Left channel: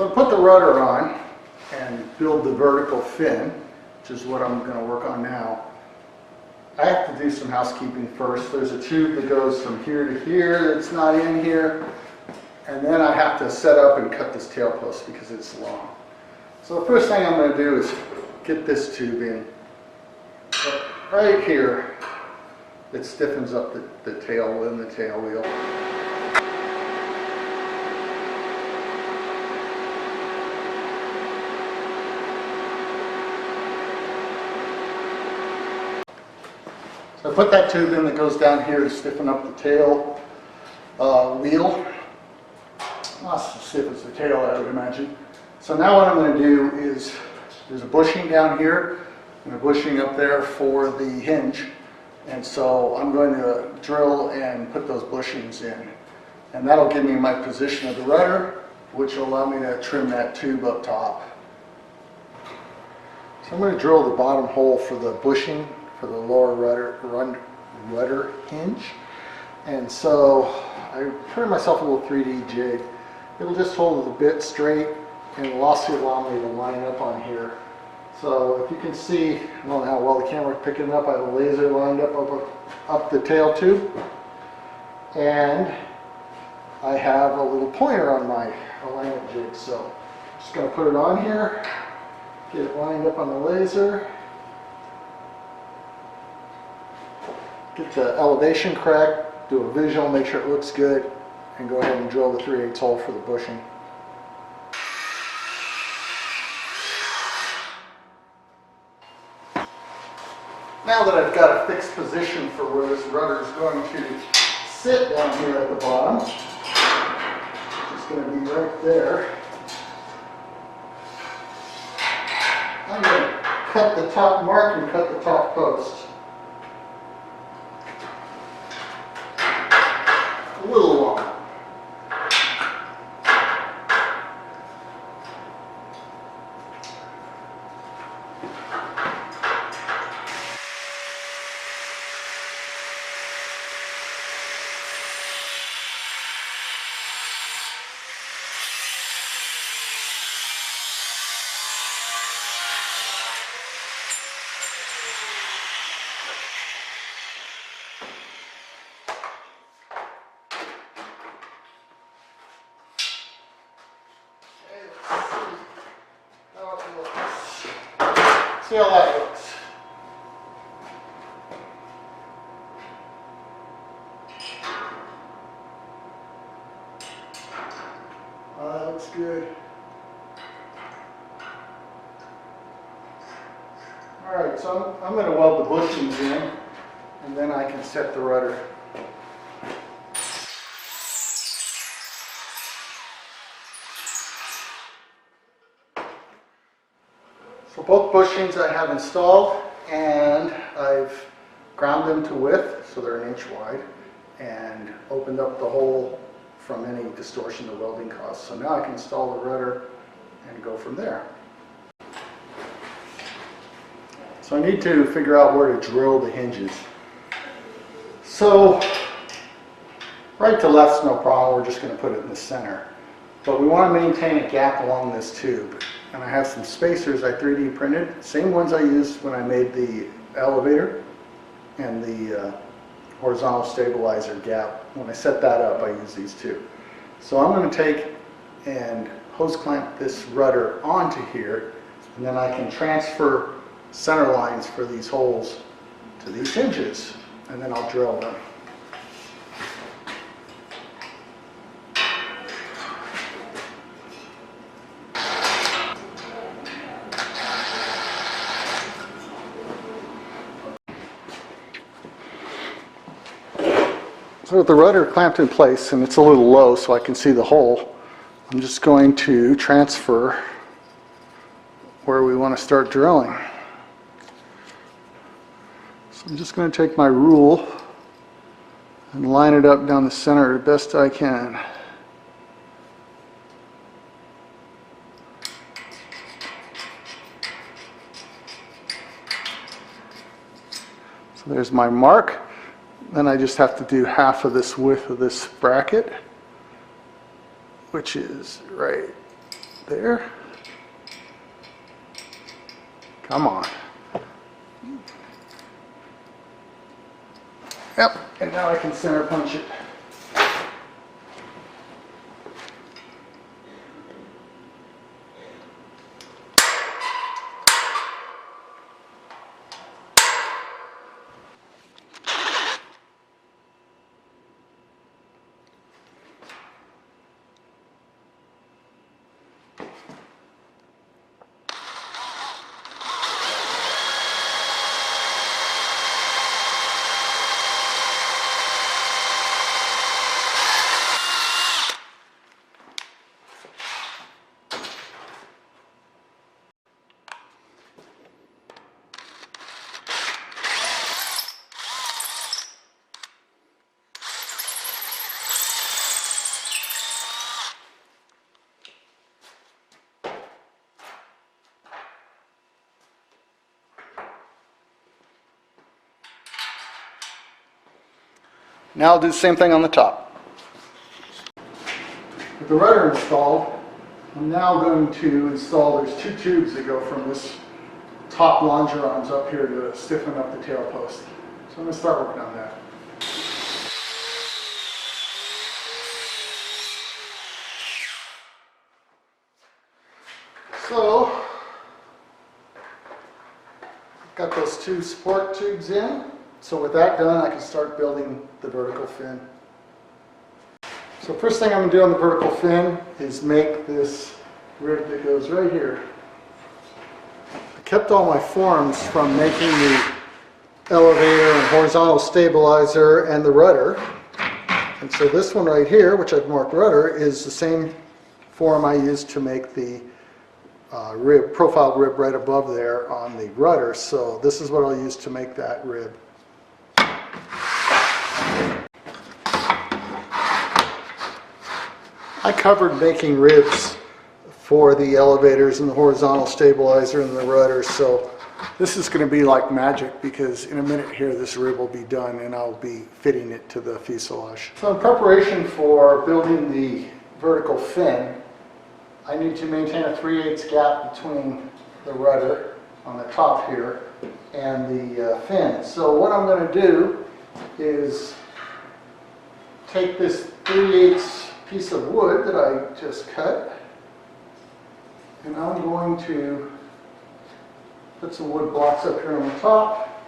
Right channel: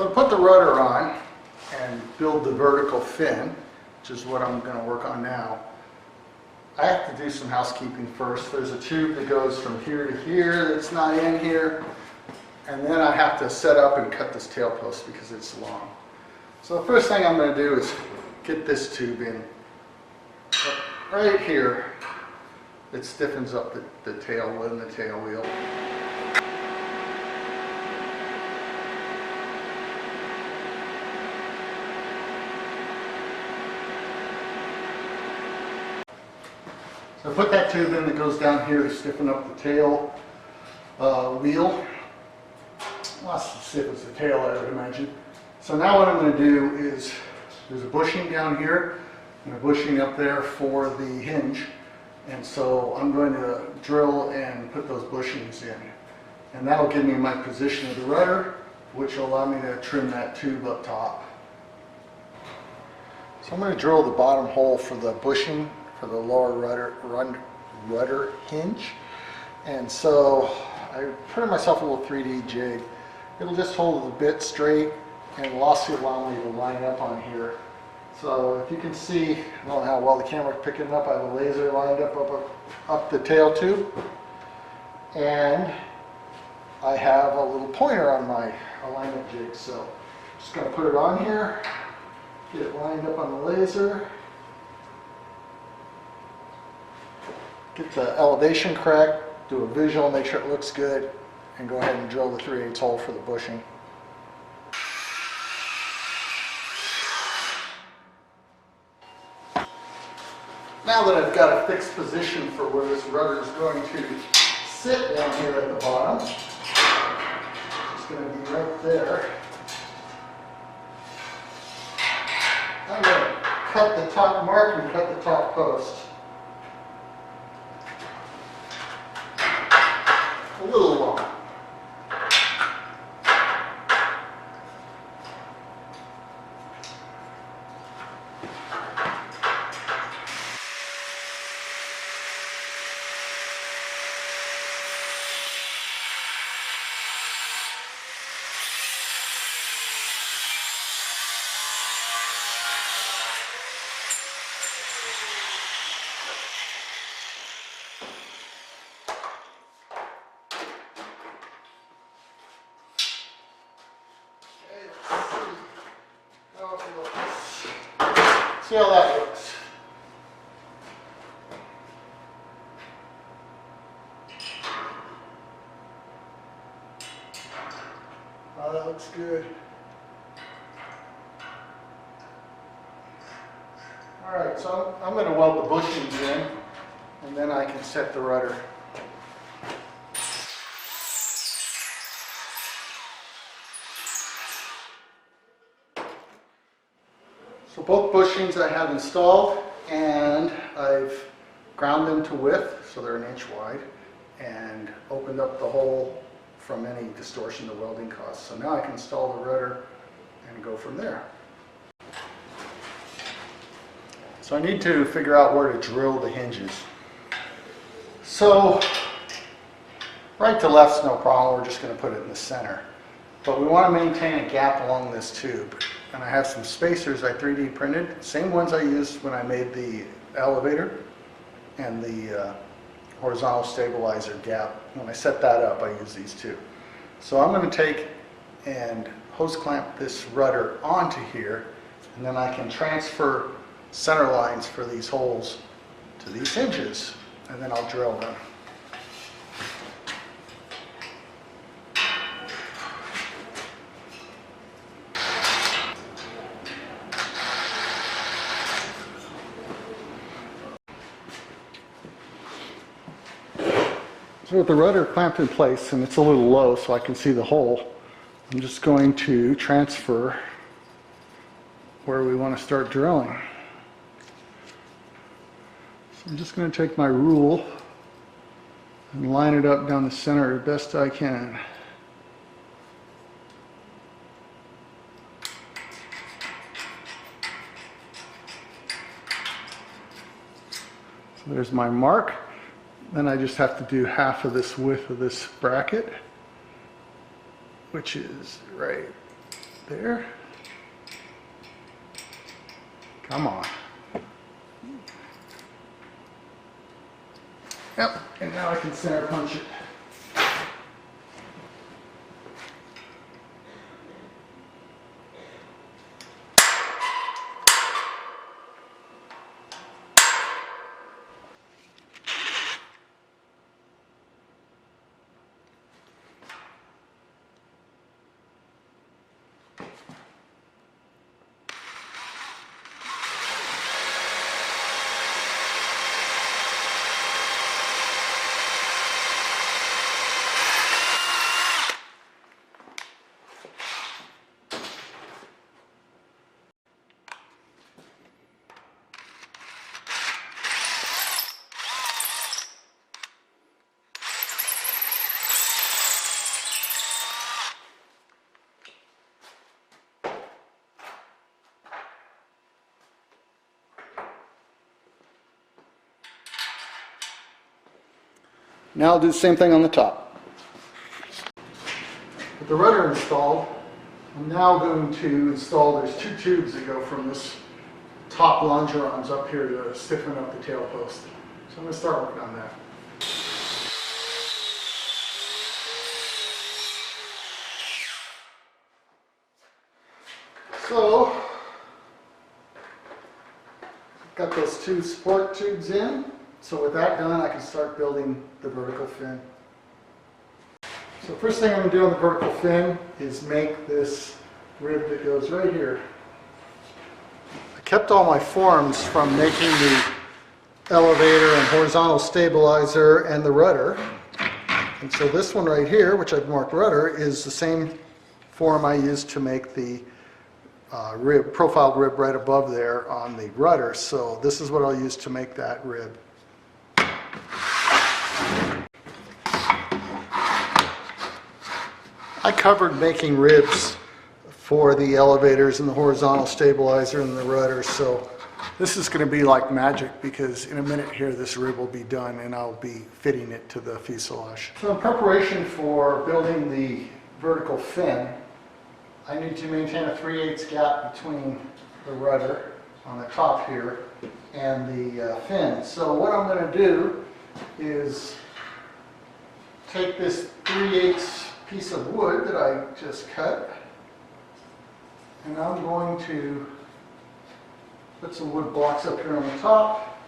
So I put the rudder on and build the vertical fin, which is what I'm going to work on now. I have to do some housekeeping first. There's a tube that goes from here to here that's not in here. And then I have to set up and cut this tail post because it's long. So the first thing I'm going to do is get this tube in right here. It stiffens up the tail wheel. So I put that tube in that goes down here to stiffen up the tail wheel. Not as stiff as the tail, I would imagine. So now what I'm going to do is, there's a bushing down here and a bushing up there for the hinge. And so I'm going to drill and put those bushings in. And that'll give me my position of the rudder, which will allow me to trim that tube up top. So I'm going to drill the bottom hole for the bushing for the lower rudder hinge. And so I printed myself a little 3D jig. It'll just hold the bit straight and it'll also allow me to line it up on here. So if you can see, I don't know how well the camera's picking up, I have a laser lined up the tail tube. And I have a little pointer on my alignment jig. So I'm just going to put it on here, get it lined up on the laser. Get the elevation correct, do a visual, make sure it looks good, and go ahead and drill the 3/8 hole for the bushing. Now that I've got a fixed position for where this rudder is going to sit down here at the bottom, it's going to be right there. I'm going to cut the top mark and cut the top post. A little long. See how that looks. Oh, that looks good. All right, so I'm going to weld the bushings in, and then I can set the rudder. So both bushings I have installed, and I've ground them to width, so they're 1 inch wide, and opened up the hole from any distortion to welding costs. So now I can install the rudder and go from there. So I need to figure out where to drill the hinges. So right to left's no problem, we're just going to put it in the center. But we want to maintain a gap along this tube. And I have some spacers I 3D printed, same ones I used when I made the elevator and the horizontal stabilizer gap. When I set that up, I use these two. So I'm going to take and hose clamp this rudder onto here, and then I can transfer center lines for these holes to these hinges, and then I'll drill them. So with the rudder clamped in place, and it's a little low so I can see the hole, I'm just going to transfer where we want to start drilling. So I'm just going to take my rule and line it up down the center the best I can. So there's my mark. Then I just have to do half of this width of this bracket, which is right There. Come on. Yep, and now I can center punch it. Now I'll do the same thing on the top. With the rudder installed, I'm now going to install, there's two tubes that go from this top longerons up here to stiffen up the tail post. So I'm going to start working on that. So, got those two support tubes in. So with that done, I can start building the vertical fin. So first thing I'm going to do on the vertical fin is make this rib that goes right here. I kept all my forms from making the elevator and horizontal stabilizer and the rudder. And so this one right here, which I've marked rudder, is the same form I used to make the profiled rib right above there on the rudder. So this is what I'll use to make that rib. I covered making ribs for the elevators and the horizontal stabilizer and the rudder, so this is going to be like magic because in a minute here this rib will be done and I'll be fitting it to the fuselage. So in preparation for building the vertical fin, I need to maintain a 3/8 gap between the rudder on the top here and the fin. So what I'm going to do is take this 3/8 piece of wood that I just cut, and I'm going to put some wood blocks up here on the top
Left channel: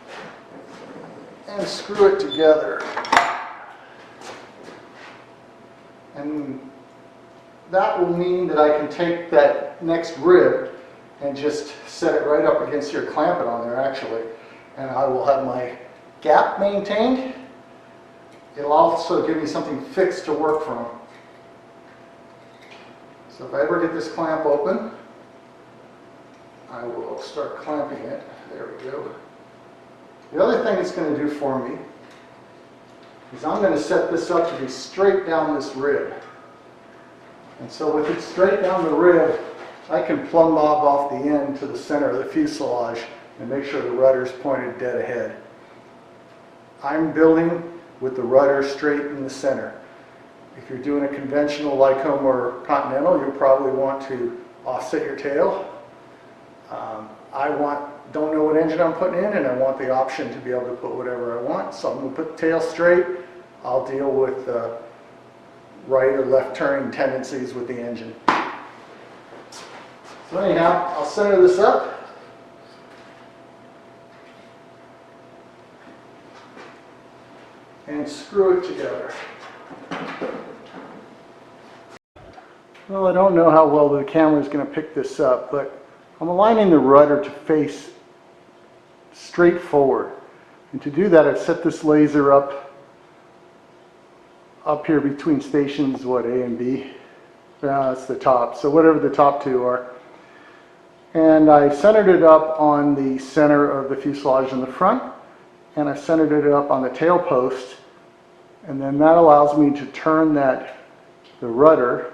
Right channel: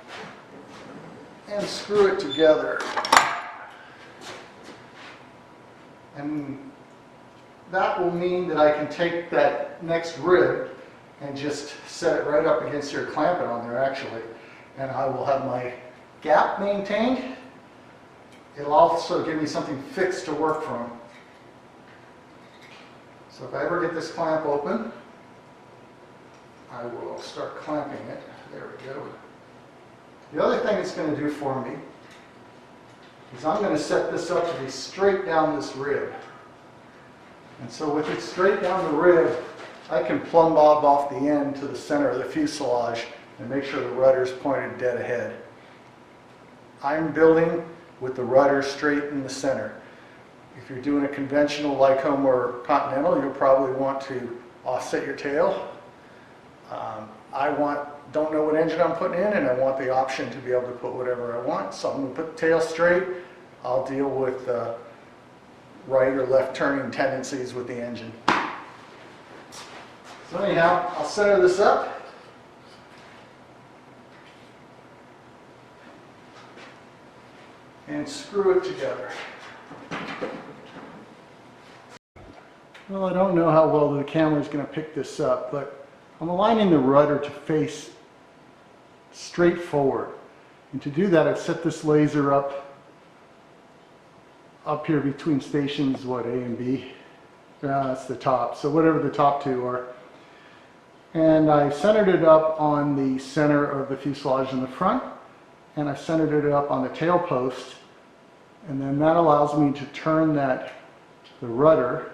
and screw it together. And that will mean that I can take that next rib and just set it right up against here, clamp it on there actually, and I will have my gap maintained. It'll also give me something fixed to work from. So if I ever get this clamp open, I will start clamping it. There we go. The other thing it's going to do for me is I'm going to set this up to be straight down this rib. And so with it straight down the rib, I can plumb bob off the end to the center of the fuselage and make sure the rudder's pointed dead ahead. I'm building with the rudder straight in the center. If you're doing a conventional Lycombe or Continental, you'll probably want to offset your tail. Don't know what engine I'm putting in, and I want the option to be able to put whatever I want. So I'm going to put the tail straight. I'll deal with right or left turning tendencies with the engine. So anyhow, I'll center this up. And screw it together. Well, I don't know how well the camera is going to pick this up, but I'm aligning the rudder to face straight forward. And to do that, I've set this laser up here between stations, what, A and B? That's the top, so whatever the top two are. And I centered it up on the center of the fuselage in the front, and I centered it up on the tail post, and then that allows me to turn the rudder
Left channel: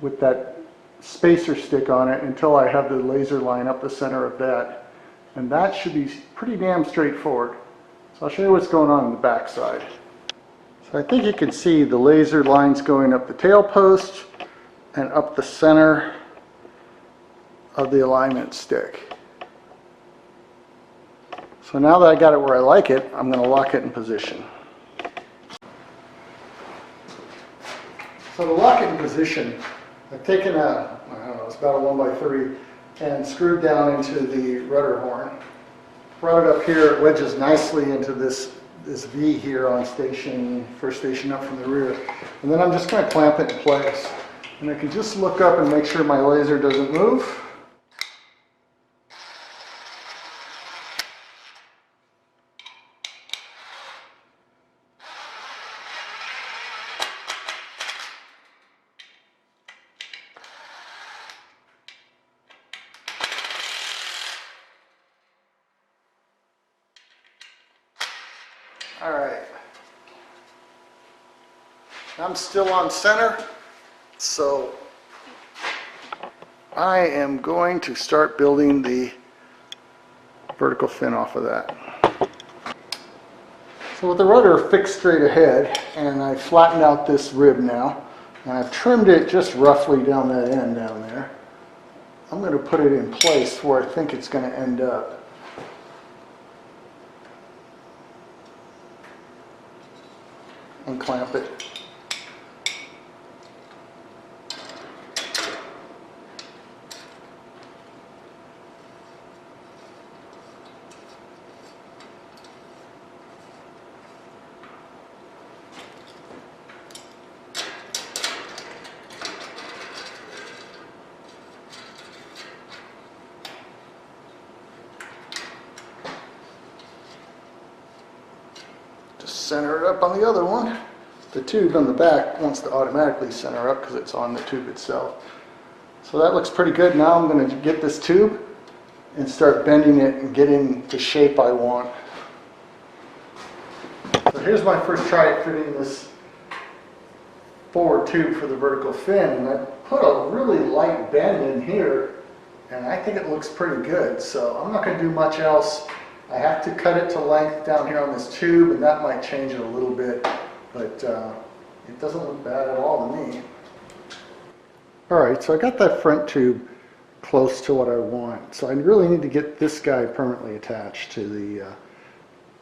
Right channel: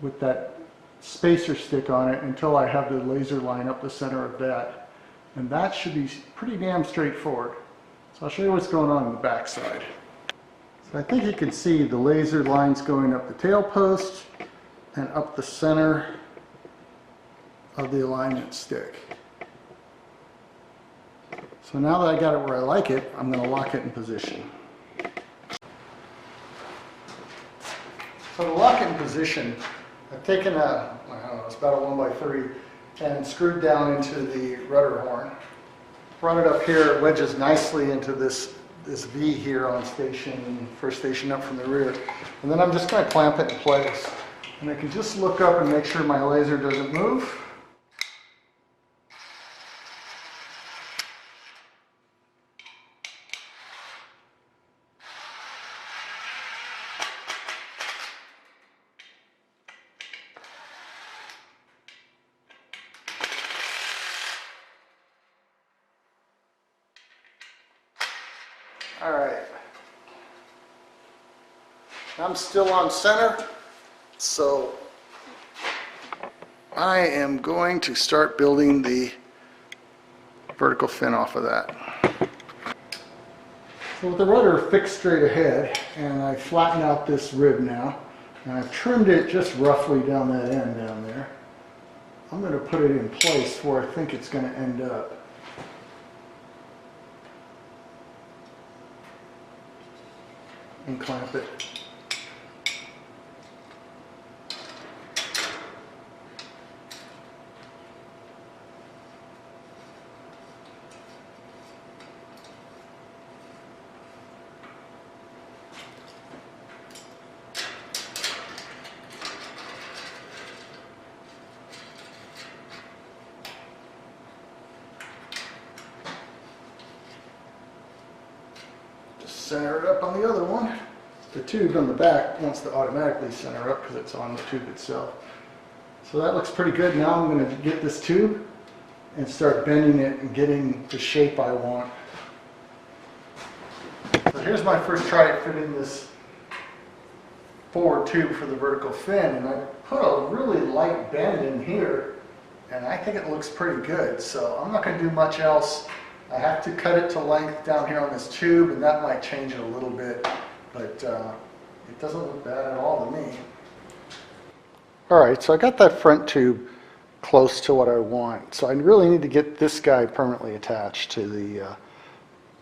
with that spacer stick on it until I have the laser line up the center of that. And that should be pretty damn straightforward. So I'll show you what's going on the back side. So I think you can see the laser lines going up the tail post and up the center of the alignment stick. So now that I got it where I like it, I'm going to lock it in position. So to lock it in position, I've taken a, I don't know, it's about a 1x3 and screwed down into the rudder horn. Brought it up here, it wedges nicely into this V here on first station up from the rear. And then I'm just going to clamp it in place. And I can just look up and make sure my laser doesn't move. All right, I'm still on center, so I am going to start building the vertical fin off of that. So with the rudder fixed straight ahead, and I flattened out this rib now, and I've trimmed it just roughly down that end down there, I'm going to put it in place where I think it's going to end up. And clamp it. Center it up on the other one. The tube on the back wants to automatically center up because it's on the tube itself. So that looks pretty good. Now I'm going to get this tube and start bending it and getting the shape I want. So here's my first try at fitting this forward tube for the vertical fin, and I put a really light bend in here and I think it looks pretty good. So I'm not going to do much else. I have to cut it to length down here on this tube, and that might change it a little bit, but it doesn't look bad at all to me. Alright, so I got that front tube close to what I want, so I really need to get this guy permanently attached to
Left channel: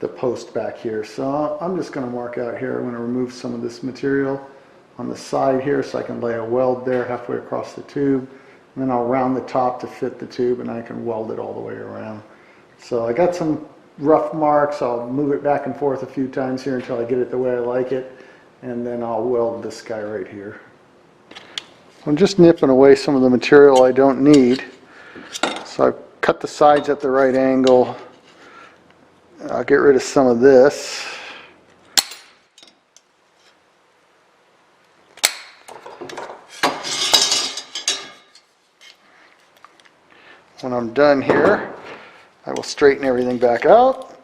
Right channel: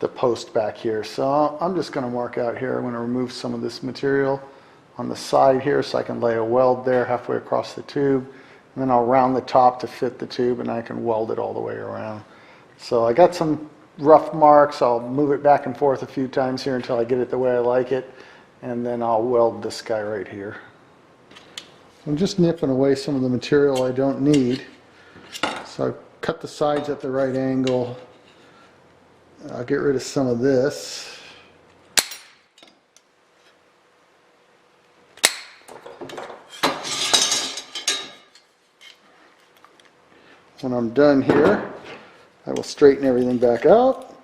the post back here. So I'm just going to mark out here. I'm going to remove some of this material on the side here so I can lay a weld there halfway across the tube, and then I'll round the top to fit the tube, and I can weld it all the way around. So I got some rough marks. I'll move it back and forth a few times here until I get it the way I like it, and then I'll weld this guy right here. I'm just nipping away some of the material I don't need. So I've cut the sides at the right angle. I'll get rid of some of this. When I'm done here, I will straighten everything back out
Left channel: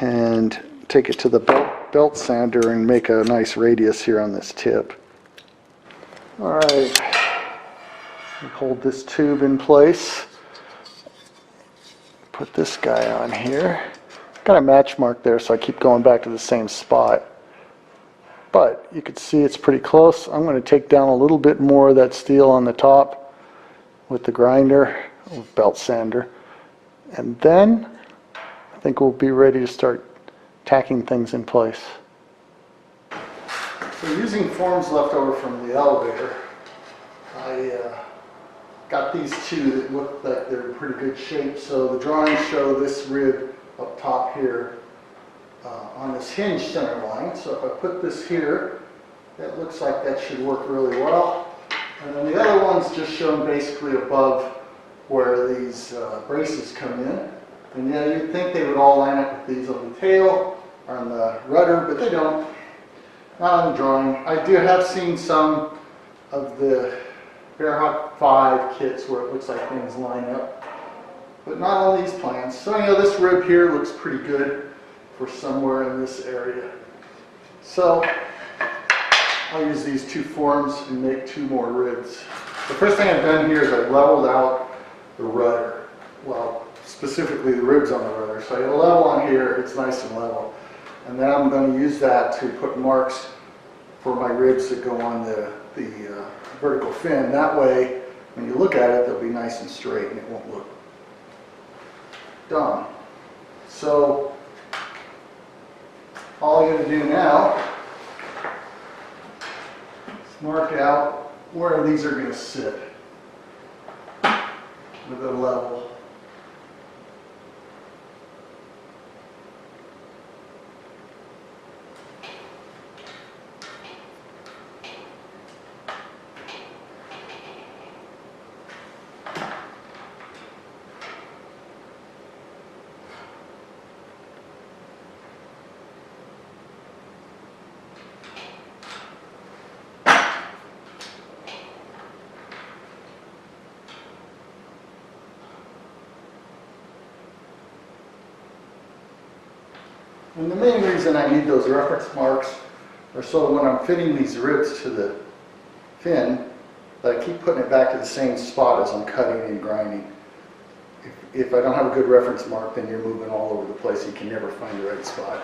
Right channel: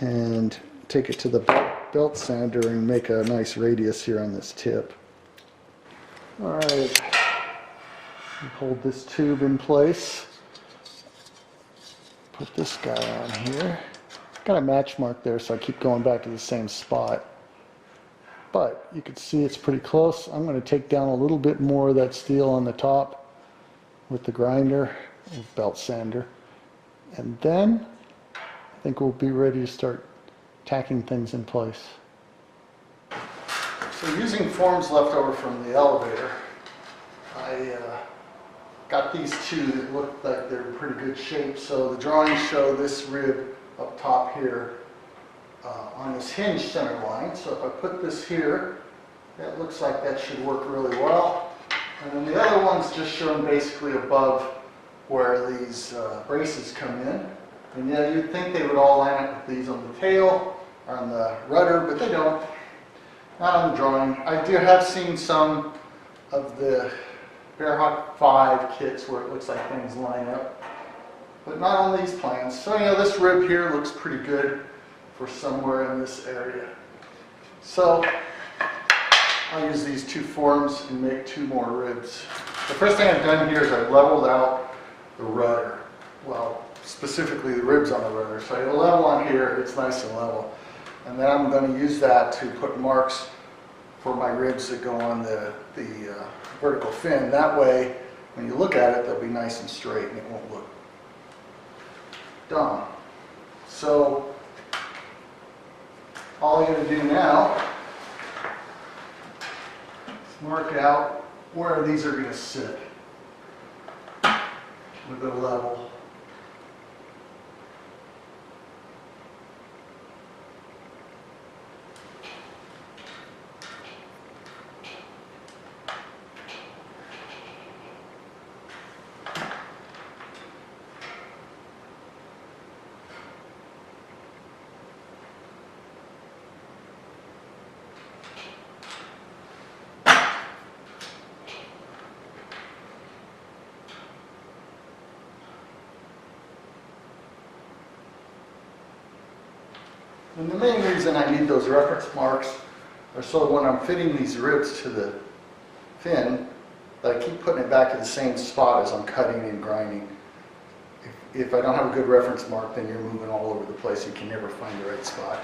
and take it to the belt sander and make a nice radius here on this tip. Alright, hold this tube in place. Put this guy on here. Got a match mark there, so I keep going back to the same spot. But you can see it's pretty close. I'm going to take down a little bit more of that steel on the top with the grinder, with belt sander. And then I think we'll be ready to start tacking things in place. So using forms left over from the elevator, I got these two that look like they're in pretty good shape. So the drawings show this rib up top here on this hinge center line. So if I put this here, that looks like that should work really well. And then the other one's just shown basically above where these braces come in. And yeah, you'd think they would all line up with these on the tail or on the rudder, but they don't. Not on the drawing. I do have seen some of the Bearhawk 5 kits where it looks like things line up, but not on these plans. So, you know, this rib here looks pretty good for somewhere in this area. So I'll use these two forms and make two more ribs. The first thing I've done here is I've leveled out the rudder. Well, specifically the ribs on the rudder. So I get a level on here, it's nice and level. And then I'm going to use that to put marks for my ribs that go on the vertical fin. That way, when you look at it, they'll be nice and straight and it won't look dumb. So all I got to do now is mark out where these are going to sit with a level. And the main reason I need those reference marks are so when I'm fitting these ribs to the fin, that I keep putting it back to the same spot as I'm cutting and grinding. If I don't have a good reference mark, then you're moving all over the place. You can never find the right spot.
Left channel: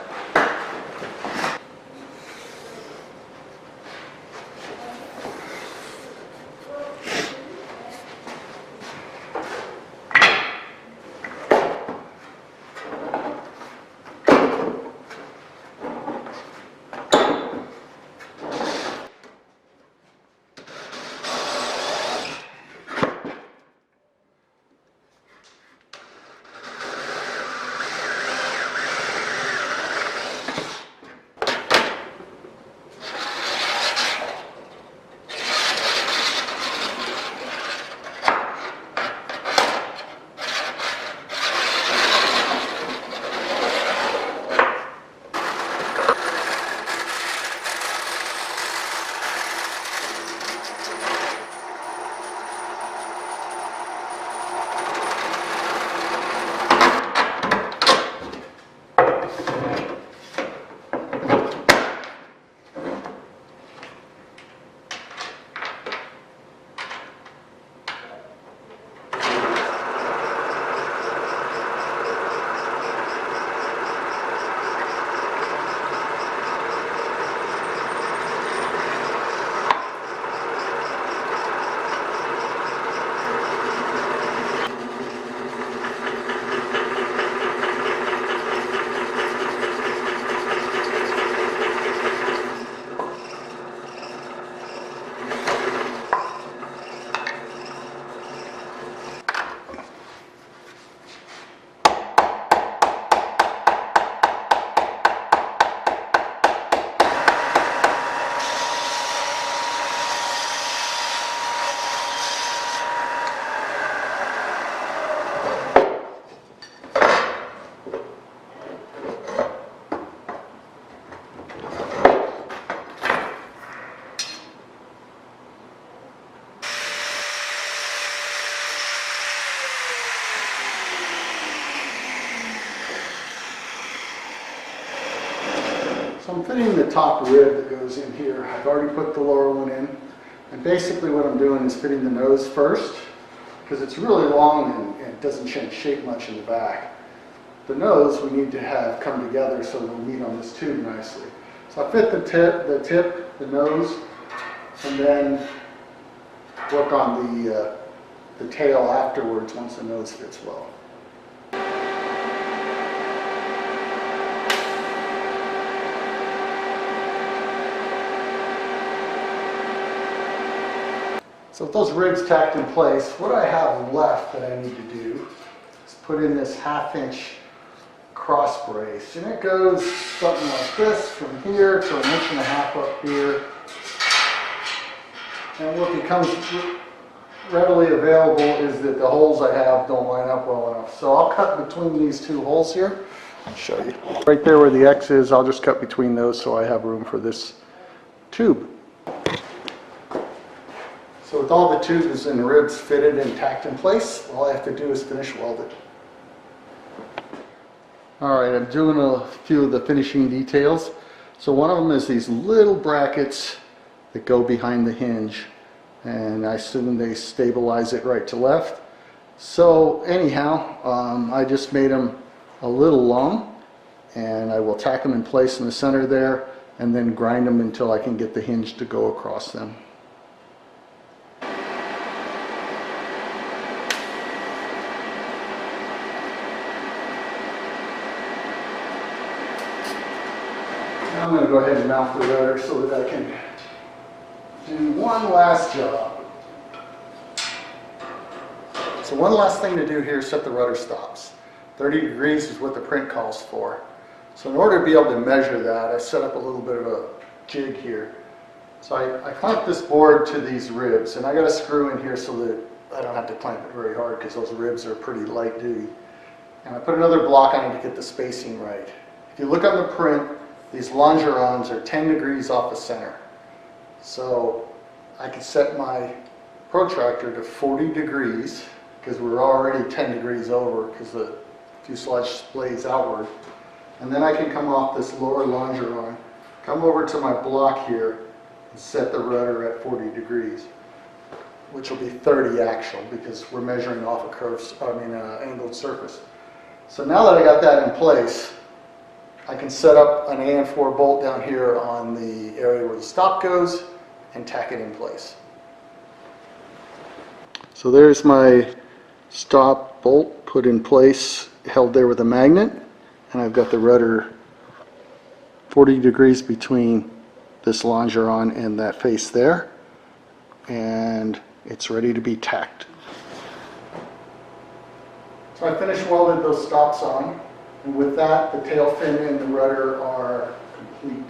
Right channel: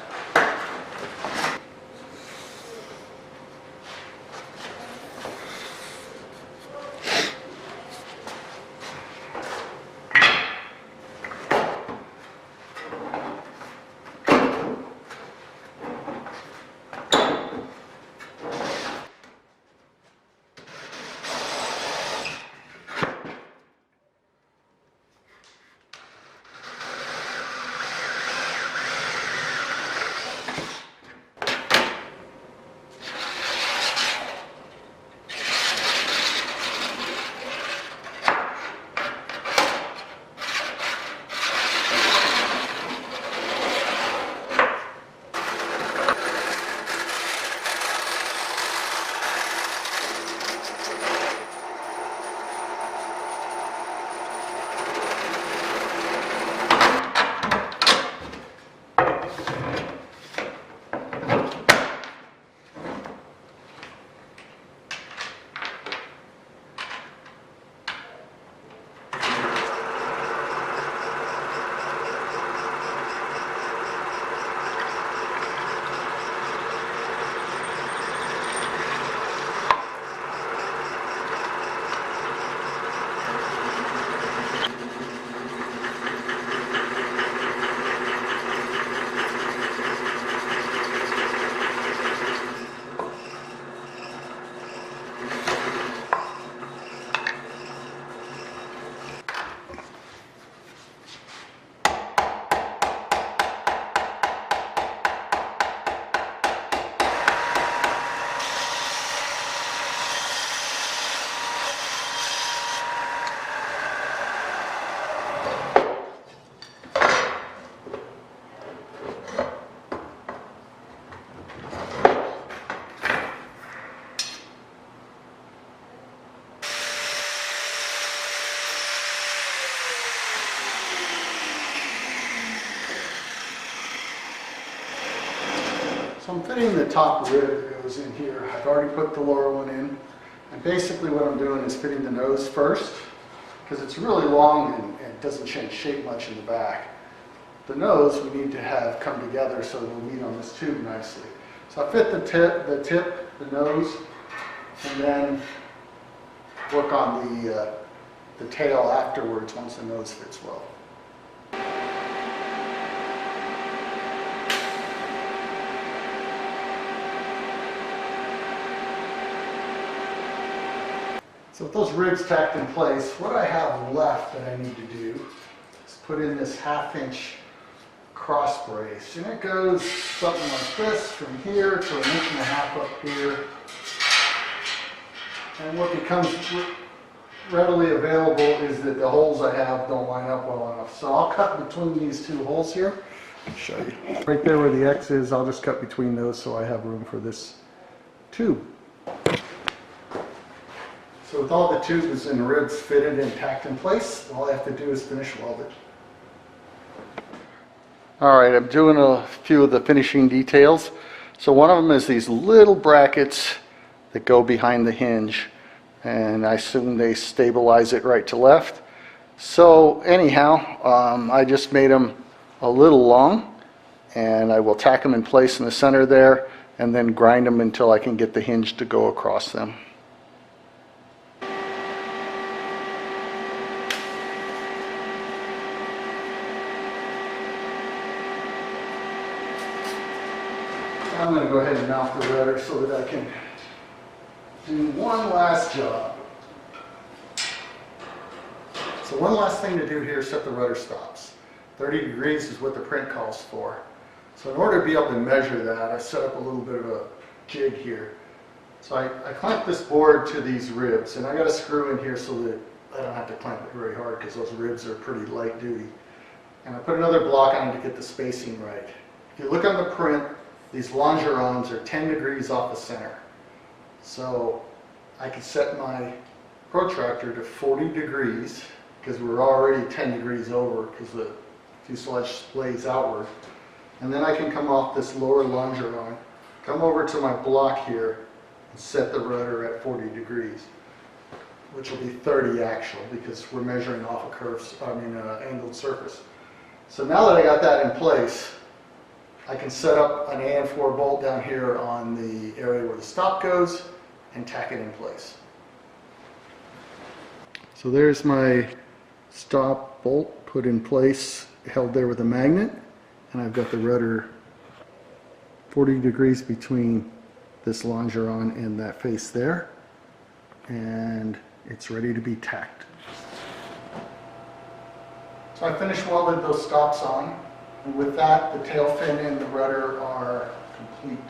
So I'm fitting the top rib that goes in here. I've already put the lower one in. And basically what I'm doing is fitting the nose first, because it's really long and it doesn't change shape much in the back. The nose we need to have come together so it'll meet on this tube nicely. So I fit the tip, the nose, and then work on the tail afterwards once the nose fits well. So with those ribs tacked in place, what I have left that I need to do is put in this 1/2 inch cross brace. And it goes something like this from here to 1.5 inches up here. And what becomes readily available is that the holes I have don't line up well enough. So I'll cut between these two holes here. I'll show you. Right there where the X is, I'll just cut between those so I have room for this tube. So with all the tubes and ribs fitted and tacked in place, all I have to do is finish weld it. Alright, I'm doing a few of the finishing details. So one of them is these little brackets that go behind the hinge. And I assume they stabilize it right to left. So anyhow, I just made them a little long. And I will tack them in place in the center there. and then grind them until I can get the hinge to go across them. Now I'm going to go ahead and mount the rudder so that I can do one last job. So one last thing to do here is set the rudder stops. 30 degrees is what the print calls for. So in order to be able to measure that, I set up a little bit of a jig here. So I clamp this board to these ribs, and I got a screw in here so that I don't have to clamp it very hard because those ribs are pretty light duty. And I put another block on it to get the spacing right. If you look on the print, these longerons are 10 degrees off the center. So I can set my protractor to 40 degrees because we're already 10 degrees over because the fuselage splays outward. And then I can come off this lower longeron, come over to my block here, and set the rudder at 40 degrees, which will be 30 actual because we're measuring off a angled surface. So now that I got that in place, I can set up an AN4 bolt down here on the area where the stop goes and tack it in place. So there's my stop bolt put in place, held there with a magnet, and I've got the rudder 40 degrees between this longeron and that face there, and it's ready to be tacked. So I finished welded those stops on, and with that the tail fin and the rudder are complete.